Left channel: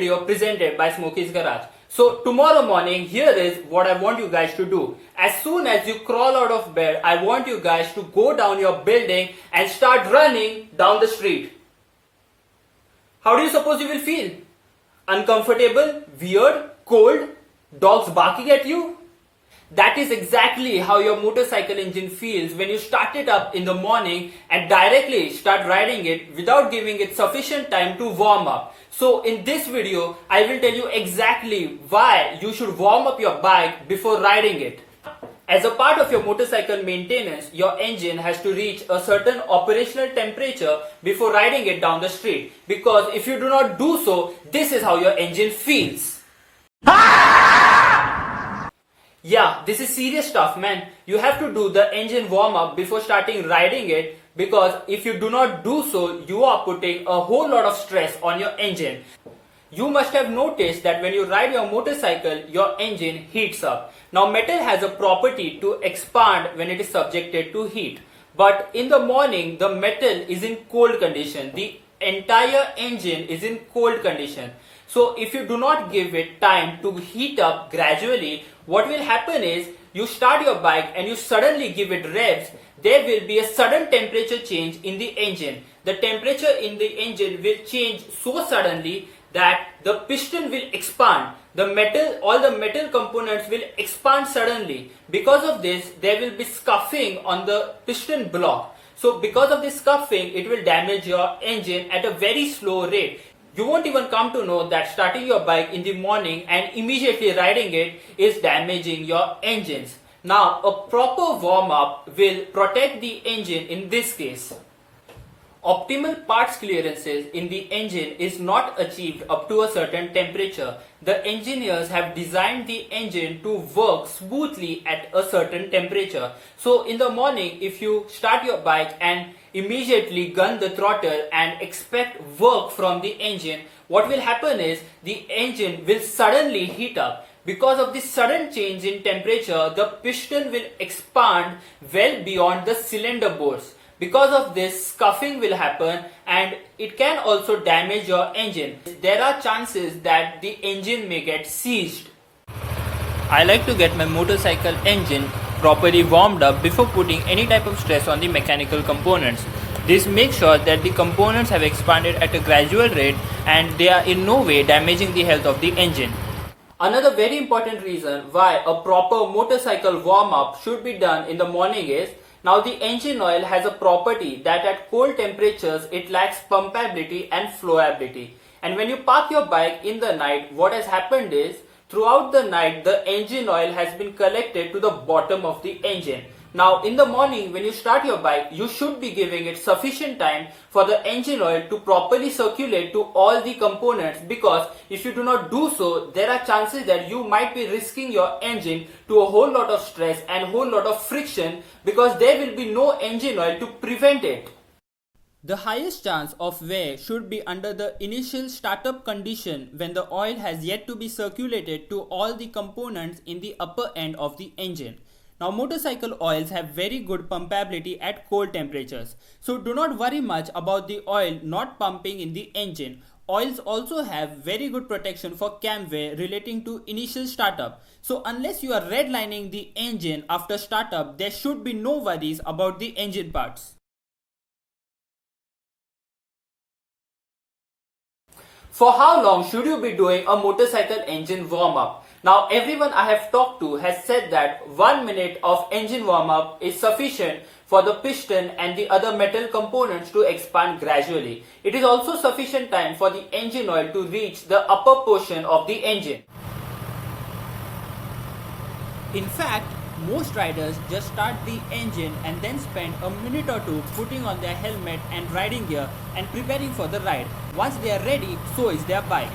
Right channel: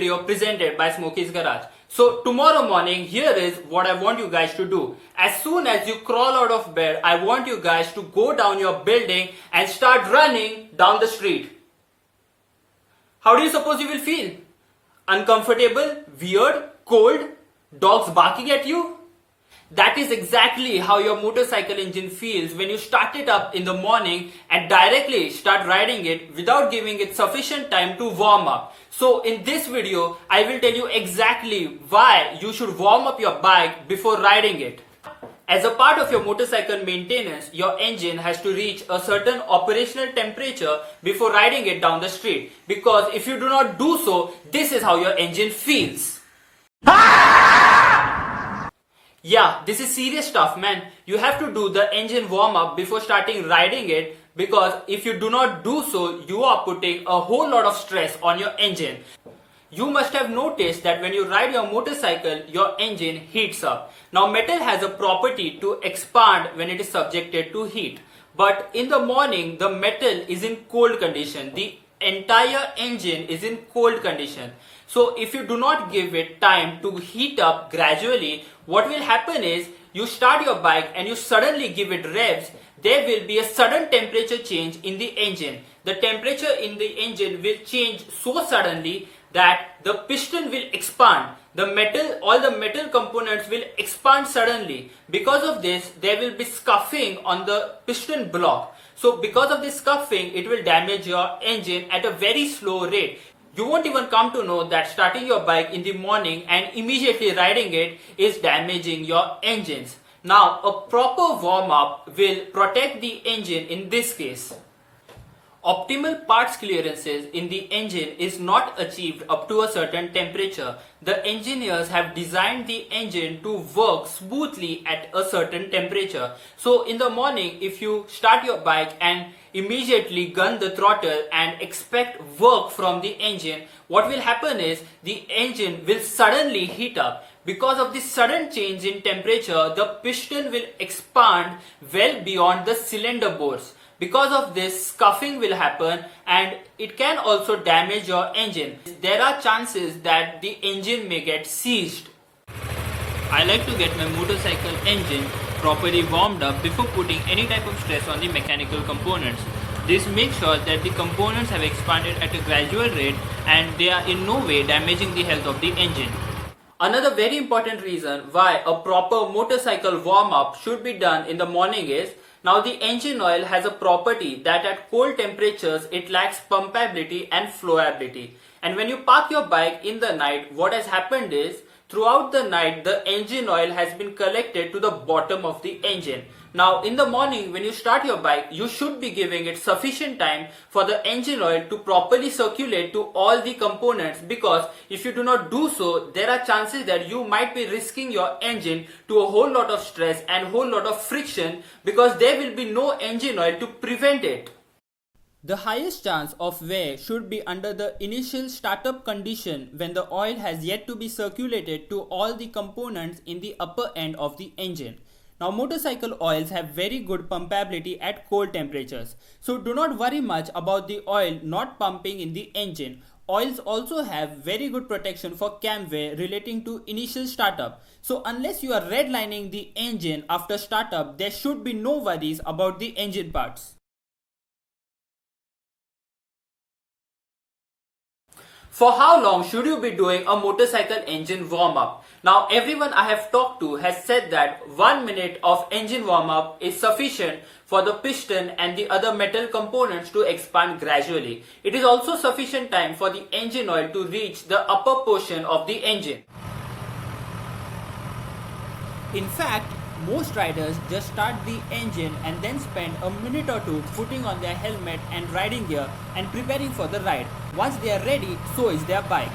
video presented by Smokey's Garage. So tomorrow morning, here is what I want you guys to do. As soon as you crawl out of bed, I want you guys to go down your building and start running down the street. How do you suppose you will feel? Uncomfortable? Weird? Cold? Dogs barking at you? That is exactly how your motorcycle engine feels when you start it up in the morning and directly start riding it without giving it sufficient time to warm up. So in this video, I will tell you exactly why you should warm up your bike before riding it. As a part of your motorcycle maintenance, your engine has to reach a certain operational temperature before riding it down the street. Because if you do not do so, this is how your engine feels. Yeah, this is serious stuff, man. You have to do the engine warm-up before starting riding it, because if you do not do so, you are putting a whole lot of stress on your engine. You must have noticed that when you ride your motorcycle, your engine heats up. Now, metal has a property to expand when it is subjected to heat. But in the morning, the metal is in cold condition. The entire engine is in cold condition. So, if you do not give it time to heat up gradually, what will happen is, you start your bike and you suddenly give it revs, there will be a sudden temperature change in the engine. The temperature in the engine will change so suddenly that the piston will expand. All the metal components will expand suddenly. Because of this, there will be scuffing on the piston block. So because of this scuffing, it will damage your engine at a very slow rate. You won't even come to know that starting your bike in the morning and immediately riding it is damaging your engines. Now, a proper warm-up will protect the engine in this case. Optimal parts clearances in the engine is not achieved up to a certain temperature. The engineers have designed the engine to work smoothly at a certain temperature. So, in the morning, if you start your bike and immediately gun the throttle and expect work from the engine, what will happen is the engine will suddenly heat up. Because of this sudden change in temperature, the piston will expand well beyond the cylinder bolts. Because of this, scuffing will happen and it can also damage your engine. There are chances that the engine may get seized. I like to get my motorcycle engine properly warmed up before putting any type of stress on the mechanical components. This makes sure that the components have expanded at a gradual rate and they are in no way damaging the health of the engine. Another very important reason why a proper motorcycle warm-up should be done in the morning is, now the engine oil has a property that at cold temperatures it lacks pumpability and flowability. And when you park your bike in the night, what has happened is, throughout the night, the engine oil has been collected to the bottom of the engine. Now, in the morning, when you start your bike, you should be giving it sufficient time for the engine oil to properly circulate to all the components, because if you do not do so, there are chances that you might be risking your engine to a whole lot of stress and whole lot of friction, because there will be no engine oil to prevent it. The highest chance of wear should be under the initial startup condition when the oil has yet to be circulated to all the components in the upper end of the engine. Now, motorcycle oils have very good pumpability at cold temperatures. So do not worry much about the oil not pumping in the engine. Oils also have very good protection for cam wear relating to initial startup. So unless you are redlining the engine after startup, there should be no worries about the engine parts. For how long should you be doing a motorcycle engine warm-up? Now, everyone I have talked to has said that 1 minute of engine warm-up is sufficient for the piston and the other metal components to expand gradually. It is also sufficient time for the engine oil to reach the upper portion of the engine. In fact, most riders just start the engine and then spend a minute or two putting on their helmet and riding gear and preparing for the ride. Once they are ready, so is their bike.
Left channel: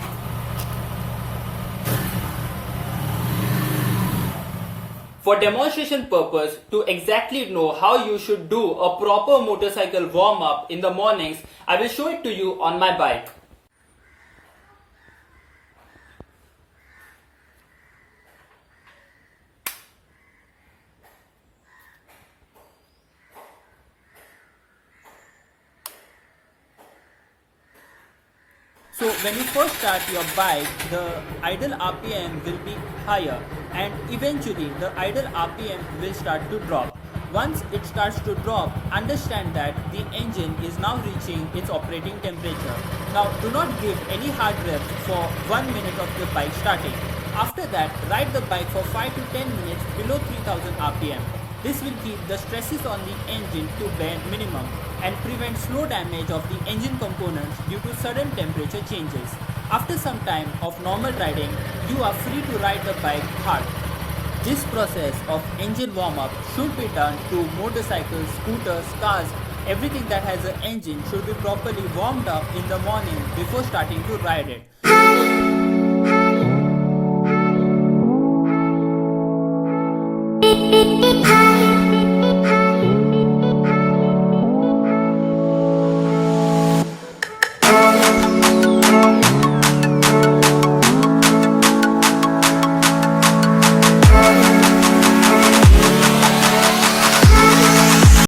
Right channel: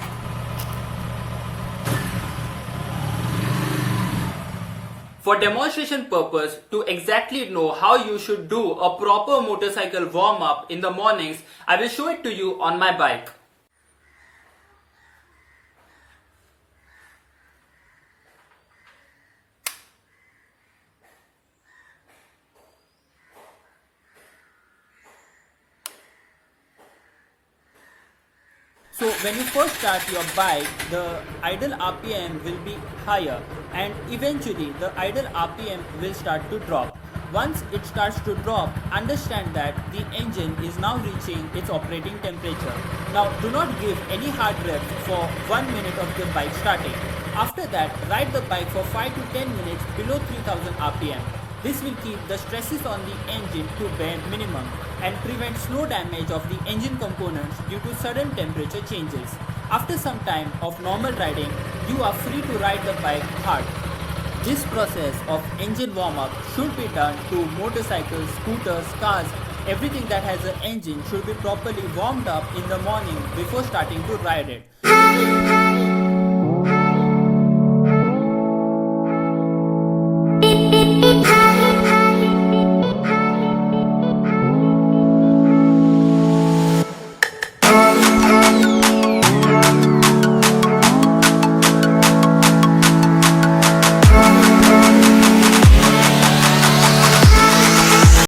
For demonstration purpose, to exactly know how you should do a proper motorcycle warm-up in the mornings, I will show it to you on my bike. So when you first start your bike, the idle RPM will be higher and eventually the idle RPM will start to drop. Once it starts to drop, understand that the engine is now reaching its operating temperature. Now do not give any hard revs for 1 minute of the bike starting. After that, ride the bike for 5 to 10 minutes below 3000 RPM. This will keep the stresses on the engine to bare minimum and prevent slow damage of the engine components due to sudden temperature changes. After some time of normal riding, you are free to ride the bike hard. This process of engine warm-up should be done to motorcycles, scooters, cars. Everything that has an engine should be properly warmed up in the morning before starting to ride it.